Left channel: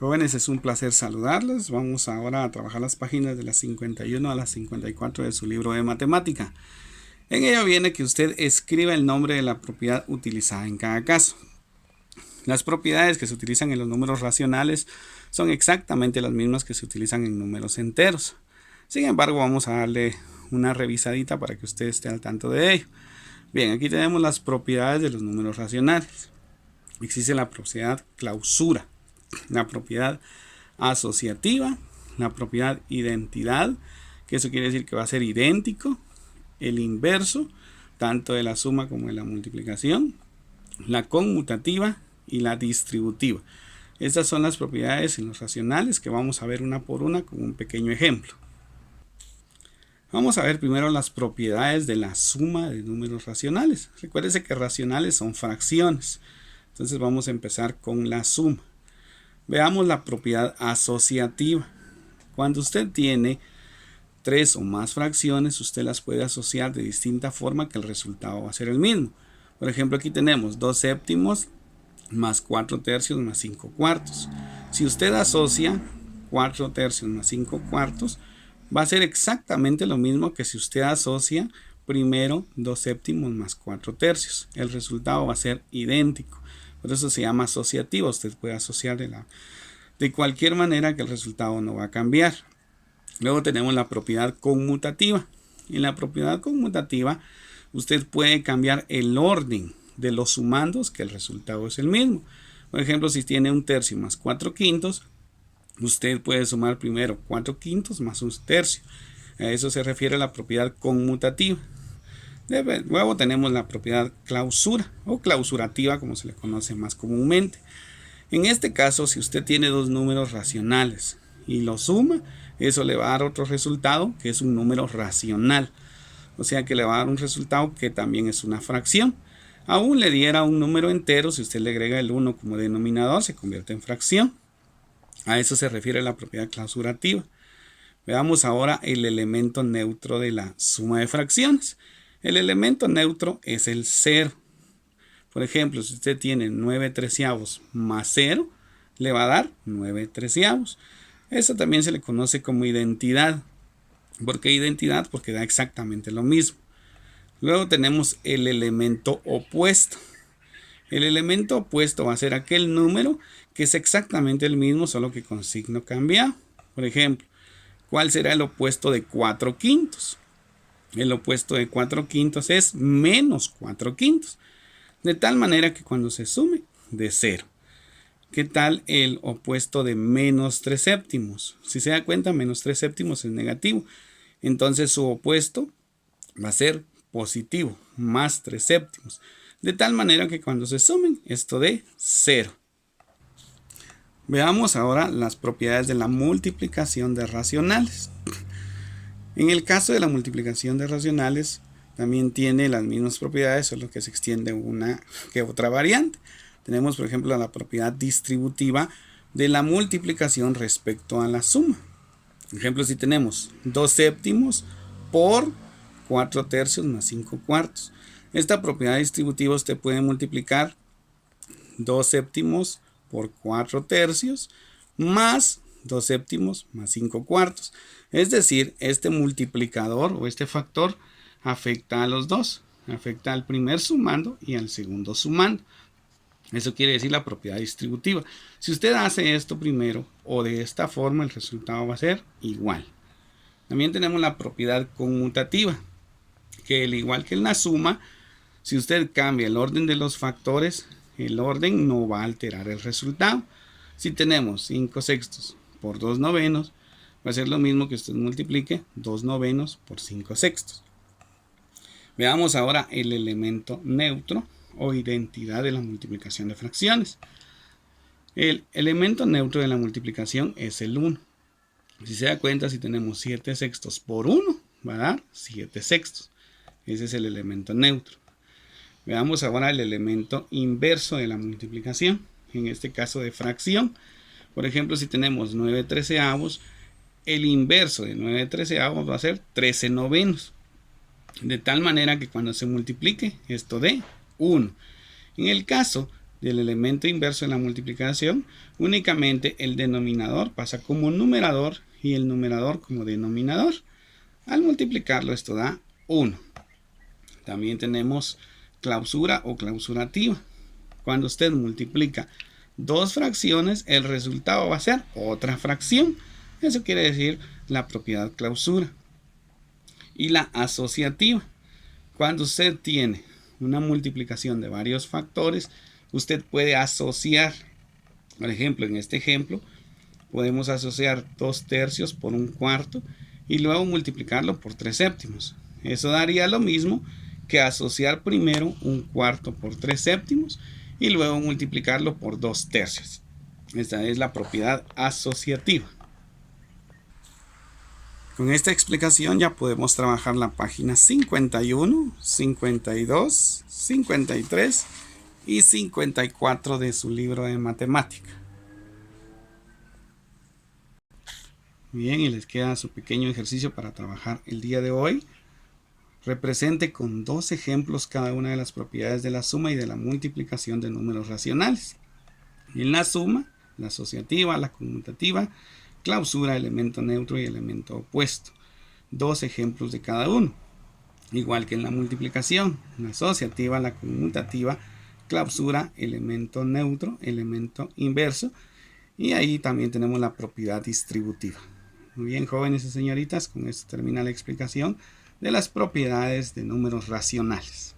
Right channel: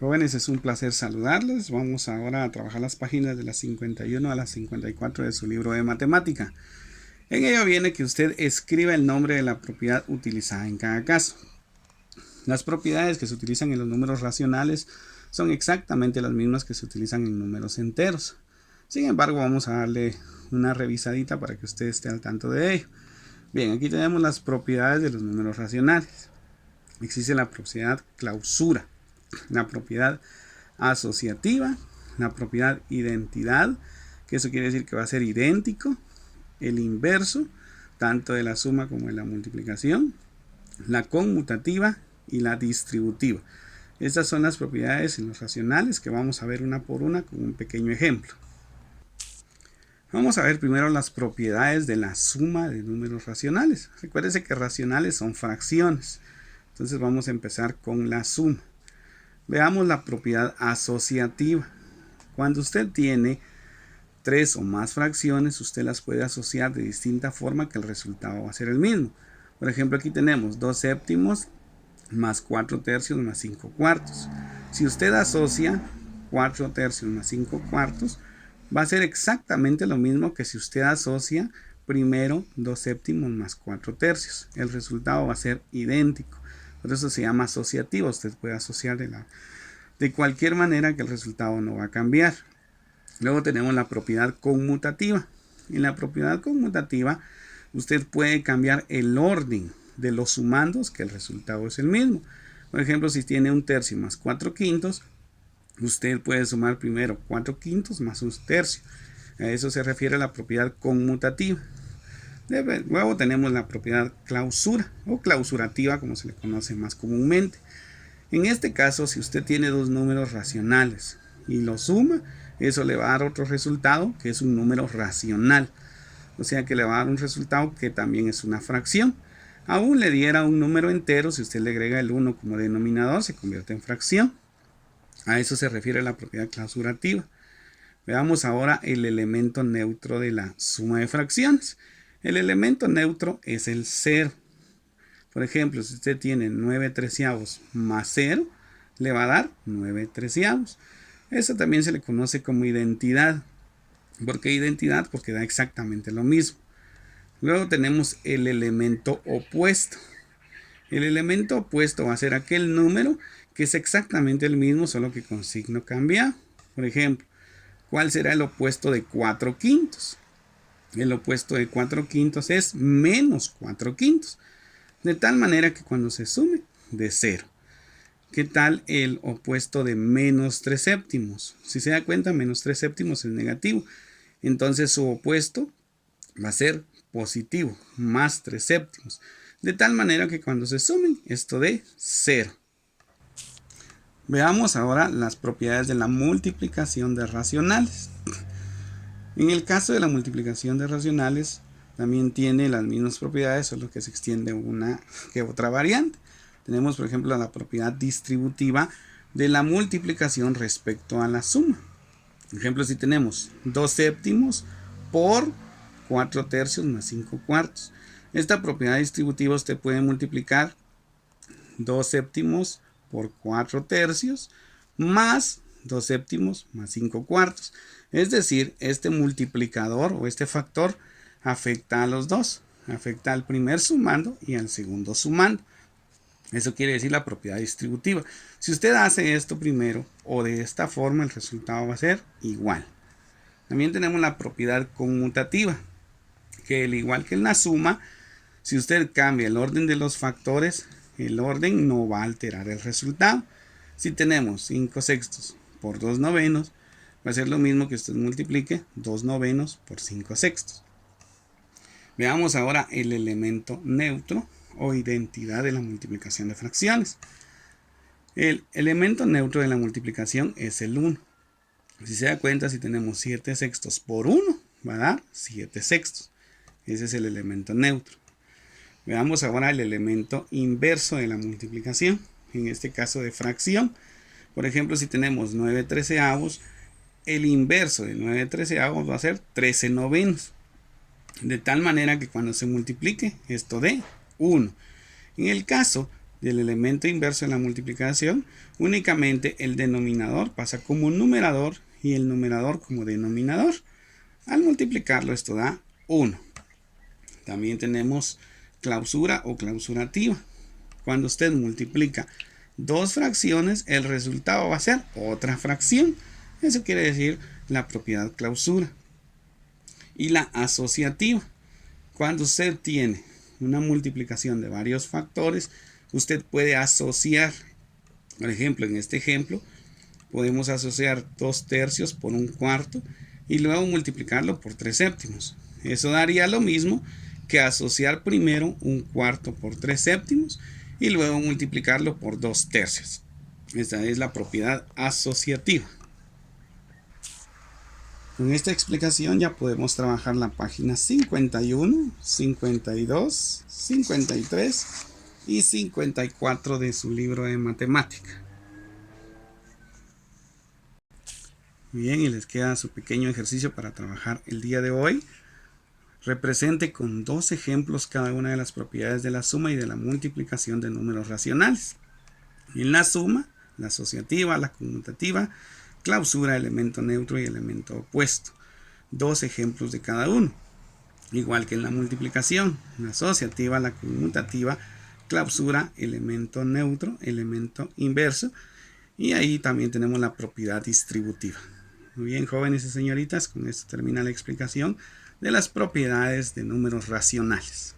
Jóvenes, es un placer saludarles. Vamos ahora a trabajar las páginas de las 51 a las 54 de su libro de matemática. En ello viene que usted escriba el nombre de la propiedad utilizada en cada caso. Las propiedades que se utilizan en los números racionales son exactamente las mismas que se utilizan en números enteros. Sin embargo, vamos a darle una revisadita para que usted esté al tanto de ello. Bien, aquí tenemos las propiedades de los números racionales. Existe la propiedad clausura, la propiedad asociativa, la propiedad identidad, que eso quiere decir que va a ser idéntico, el inverso, tanto de la suma como de la multiplicación, la conmutativa y la distributiva. Estas son las propiedades en los racionales que vamos a ver una por una con un pequeño ejemplo. Vamos a ver primero las propiedades de la suma de números racionales. Recuérdese que racionales son fracciones. Entonces vamos a empezar con la suma. Veamos la propiedad asociativa. Cuando usted tiene 3 o más fracciones, usted las puede asociar de distinta forma que el resultado va a ser el mismo. Por ejemplo, aquí tenemos 2 séptimos más 4 tercios más 5 cuartos. Si usted asocia 4 tercios más 5 cuartos, va a ser exactamente lo mismo que si usted asocia primero 2 séptimos más 4 tercios. El resultado va a ser idéntico. Por eso se llama asociativo. Usted puede asociar de cualquier manera que el resultado no va a cambiar. Luego tenemos la propiedad conmutativa. En la propiedad conmutativa usted puede cambiar el orden de los sumandos, que el resultado es el mismo. Por ejemplo, si tiene 1 tercio más 4 quintos, usted puede sumar primero 4 quintos más 1 tercio. A eso se refiere la propiedad conmutativa. Luego tenemos la propiedad clausura o clausurativa, como se le conoce más comúnmente. En este caso, si usted tiene dos números racionales y los suma, eso le va a dar otro resultado que es un número racional. O sea que le va a dar un resultado que también es una fracción. Aún le diera un número entero, si usted le agrega el 1 como denominador, se convierte en fracción. A eso se refiere la propiedad clausurativa. Veamos ahora el elemento neutro de la suma de fracciones. El elemento neutro es el 0. Por ejemplo, si usted tiene 9 treceavos más 0, le va a dar 9 treceavos. Eso también se le conoce como identidad. ¿Por qué identidad? Porque da exactamente lo mismo. Luego tenemos el elemento opuesto. El elemento opuesto va a ser aquel número que es exactamente el mismo, solo que con signo cambiado. Por ejemplo, ¿cuál será el opuesto de 4 quintos? El opuesto de 4 quintos es menos 4 quintos. De tal manera que cuando se sume, de 0. ¿Qué tal el opuesto de menos 3 séptimos? Si se da cuenta, menos 3 séptimos es negativo. Entonces su opuesto va a ser positivo, más 3 séptimos. De tal manera que cuando se sumen, esto de 0. Veamos ahora las propiedades de la multiplicación de racionales. En el caso de la multiplicación de racionales, también tiene las mismas propiedades, solo que se extiende una que otra variante. Tenemos, por ejemplo, la propiedad distributiva de la multiplicación respecto a la suma. Por ejemplo, si tenemos 2 séptimos por 4 tercios más 5 cuartos. Esta propiedad distributiva usted puede multiplicar 2 séptimos por 4 tercios más 2 séptimos más 5 cuartos. Es decir, este multiplicador o este factor afecta a los dos. Afecta al primer sumando y al segundo sumando. Eso quiere decir la propiedad distributiva. Si usted hace esto primero o de esta forma, el resultado va a ser igual. También tenemos la propiedad conmutativa, que al igual que en la suma, si usted cambia el orden de los factores, el orden no va a alterar el resultado. Si tenemos 5 sextos por 2 novenos, va a ser lo mismo que usted multiplique 2 novenos por 5 sextos. Veamos ahora el elemento neutro o identidad de la multiplicación de fracciones. El elemento neutro de la multiplicación es el 1. Si se da cuenta, si tenemos 7 sextos por 1, va a dar 7 sextos. Ese es el elemento neutro. Veamos ahora el elemento inverso de la multiplicación, en este caso de fracción. Por ejemplo, si tenemos 9 treceavos, el inverso de 9 treceavos va a ser 13 novenos. De tal manera que cuando se multiplique esto de 1. En el caso del elemento inverso en la multiplicación, únicamente el denominador pasa como numerador y el numerador como denominador. Al multiplicarlo esto da 1. También tenemos clausura o clausurativa. Cuando usted multiplica dos fracciones, el resultado va a ser otra fracción. Eso quiere decir la propiedad clausura. Y la asociativa. Cuando usted tiene una multiplicación de varios factores, usted puede asociar. Por ejemplo, en este ejemplo, podemos asociar 2/3 por 1/4 y luego multiplicarlo por 3/7. Eso daría lo mismo que asociar primero 1/4 por 3/7 y luego multiplicarlo por 2/3. Esta es la propiedad asociativa. Con esta explicación ya podemos trabajar la página 51, 52, 53 y 54 de su libro de matemática. Bien, y les queda su pequeño ejercicio para trabajar el día de hoy. Represente con 2 ejemplos cada una de las propiedades de la suma y de la multiplicación de números racionales. En la suma, la asociativa, la conmutativa, clausura, elemento neutro y elemento opuesto. 2 ejemplos de cada uno. Igual que en la multiplicación, la asociativa, la conmutativa, clausura, elemento neutro, elemento inverso. Y ahí también tenemos la propiedad distributiva. Muy bien, jóvenes y señoritas, con esto termina la explicación de las propiedades de números racionales.